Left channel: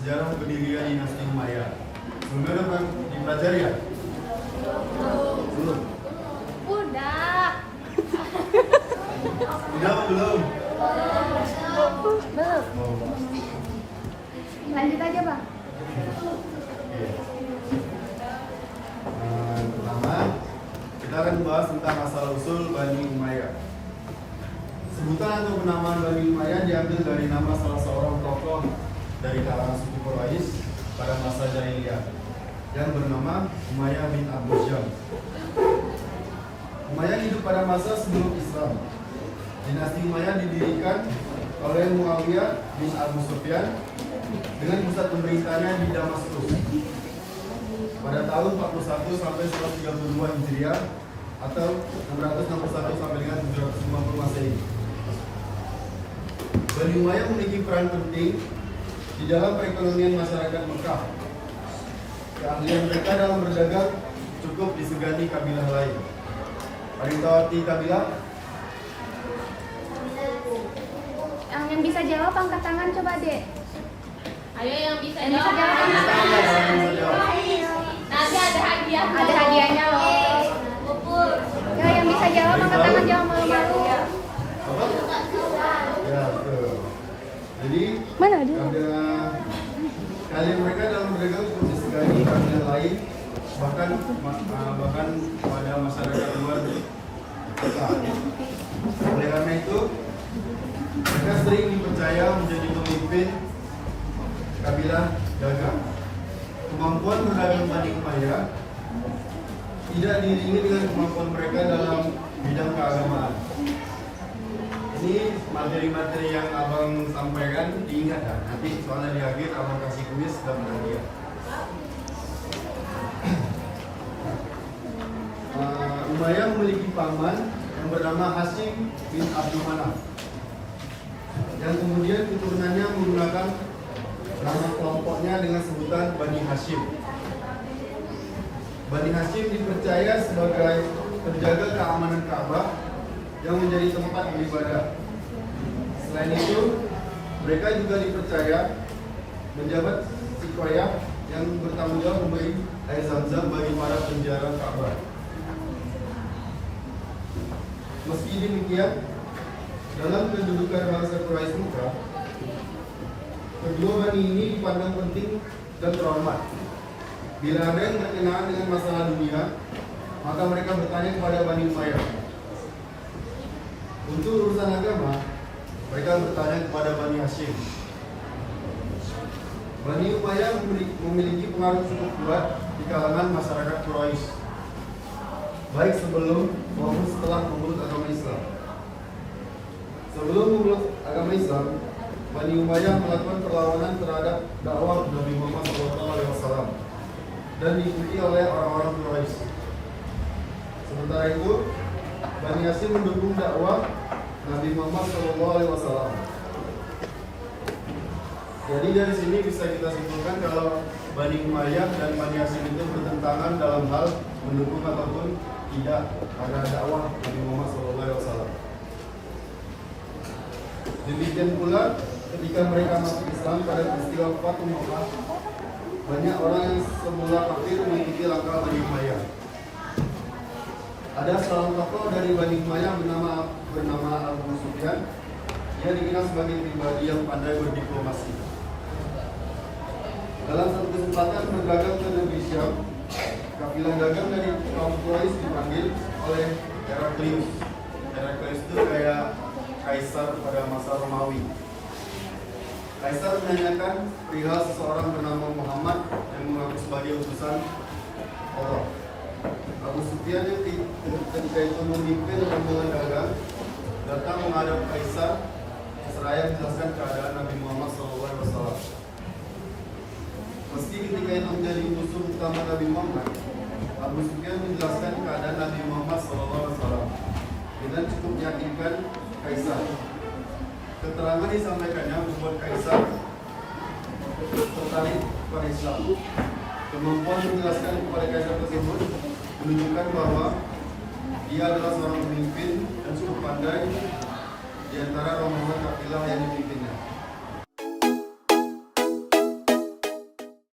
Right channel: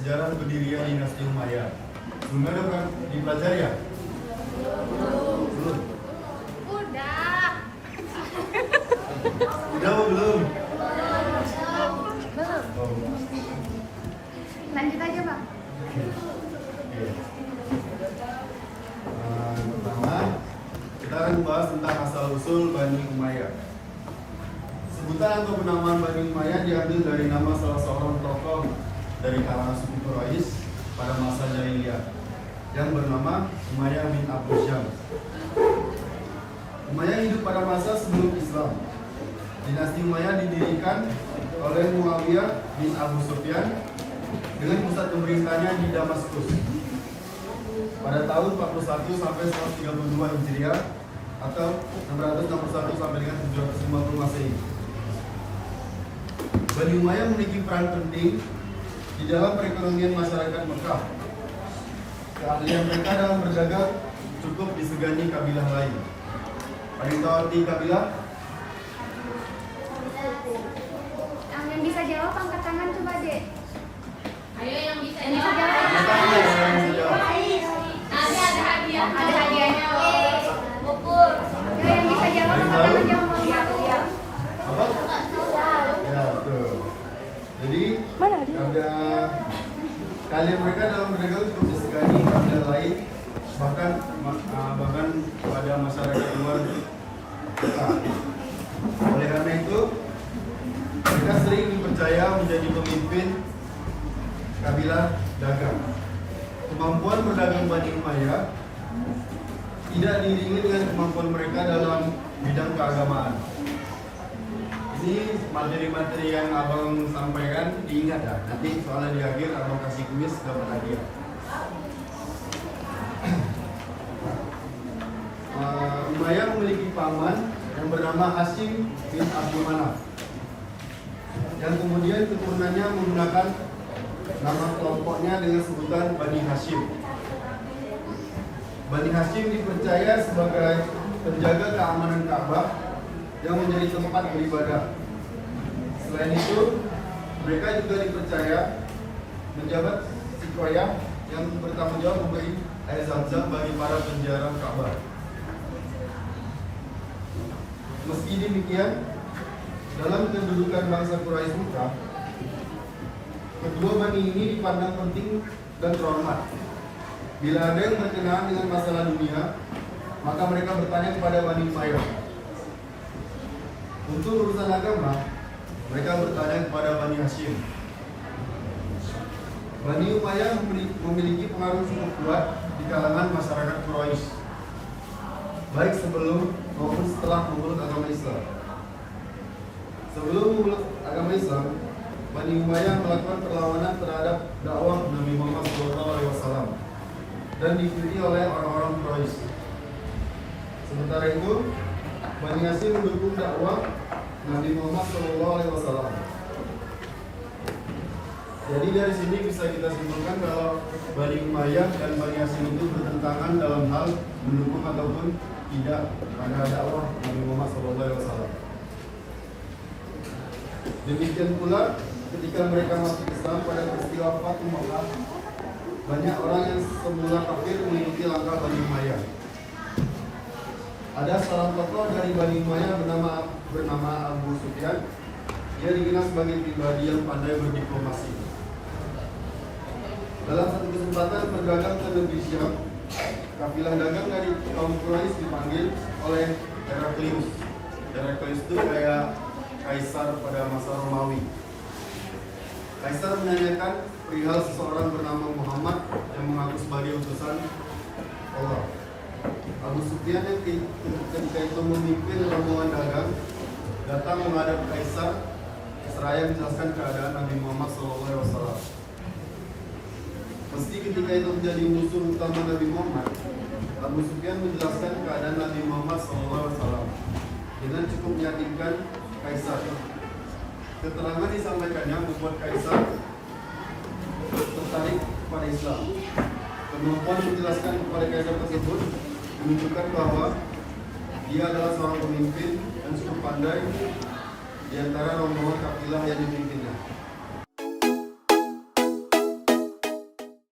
sejarah berdirinya dinasti Umayyah. Sebelumnya udah pernah dipelajari ya? Belum. Udah. Udah apa belum? Oh. Lanjut aja, Bang. Oke. Pertama, kita akan membahas tentang asal usul Bani Umayyah. Sebutan atau penamaan Bani Umayyah diambil dari nama salah seorang tokoh dari kalangan suku Quraisy pada masa jahiliyah yang bernama Umayyah bin Abdul Syams. Umayyah hidup pada masa sebelum Islam. Dinasti Umayyah didirikan oleh Muawiyah bin Abu Sufyan dengan pusat pemerintahnya di Damaskus pada tahun 41 sampai 132 Hijriah atau 661 sampai dengan 750 Masehi. Bani Umayyah memiliki peran penting di dalam perekonomian masyarakat Mekah. Keahlian mereka dalam berdagang cukup disegani kabilah lain. Ada yang tahu arti kabilah? Yang bisa jawab angkat tangan coba, Dek. Ayo yang bisa Yang bisa jawab. jawab. Nanti ada hadiah. Ada hadiahnya. Pupur. Ya, yang bisa jawab angkat tangan jawab. Apa? Ya, betul. Jadi, kalian mereka dalam berdagang cukup disegani kabilah lain, bahkan pada masyarakat luar Mekah. Oleh karena itu, mereka sering dipercaya menjadi pemimpin kabilah dagang. Kemampuan berdagang Bani Umayyah tidak diiringi dengan kemampuan mereka dalam bidang keagamaan. Ini materi-materi yang abang sampaikan diingat ya. Nanti soalnya di akhir abang kasih kuis dapat hadiah. Umayyah memiliki paman yang bernama Hashim bin Abdul Manaf, yang kemudian keturunannya menggunakan nama kelompoknya dengan sebutan Bani Hashim. Bani Hashim dipercaya sebagai penjaga keamanan Ka'bah yang menjadi tempat beribadah. Selain itu, mereka juga dipercaya menjabat Sikoyah yang bertanggung jawab memberi air Zam-Zam bagi para penjara Ka'bah. Meski demikian, dalam kedudukan bangsa Quraisy Mekah, kedua bani ini dipandang penting dan terhormat. Bila ada yang berkenaan dengan masalah dunia, maka mereka bertanya kepada Bani Umayyah. Untuk urusan agama, mereka bertanya kepada Bani Hashim. Bani Umayyah memiliki pengaruh cukup kuat di kalangan masyarakat Quraisy, baik sebelum maupun setelah memeluk agama Islam. Sebelum memeluk agama Islam, Bani Umayyah melakukan perlawanan terhadap dakwah Nabi Muhammad SAW dan diikuti oleh orang-orang Quraisy. Sementara itu, Bani Hashim mendukung dakwah Nabi Muhammad SAW. Jadi dari sini bisa kita simpulkan kalau Bani Umayyah dan Bani Hashim itu bertentangan dalam hal mendukung ataupun tidak pada dakwah Nabi Muhammad SAW. Demikian pula ketika mereka masuk Islam pada peristiwa Fatu Makkah, banyak orang yang semula kafir mengikuti langkah Bani Umayyah. Ada seorang tokoh dari Bani Umayyah bernama Abu Sufyan. Dia dikenal sebagai pribadi yang pandai berdiplomasi. Dalam satu kesempatan berdagang ke negeri Syam, kabilah dagang dari kaum Quraisy dipanggil oleh Heraklius. Heraklius itu kayak kaisar pada masa Romawi. Kaisar menanyakan perihal seseorang bernama Muhammad yang mengaku sebagai utusan Allah. Abu Sufyan yang ketika itu memimpin rombongan dagang datang menghadap Kaisar seraya menjelaskan keadaan Nabi Muhammad SAW. Meski ketika itu menjadi musuh utama Nabi Muhammad, Abu Sufyan menjelaskan keadaan Nabi Muhammad SAW dengan cukup meyakinkan Kaisar. Keterangan disampaikannya membuat Kaisar tertarik kepada Islam. Kemampuan menjelaskan kepada Kaisar tersebut menunjukkan bahwa dia adalah seorang pemimpin yang cukup pandai di antara rombongan kafilah yang dipimpinnya.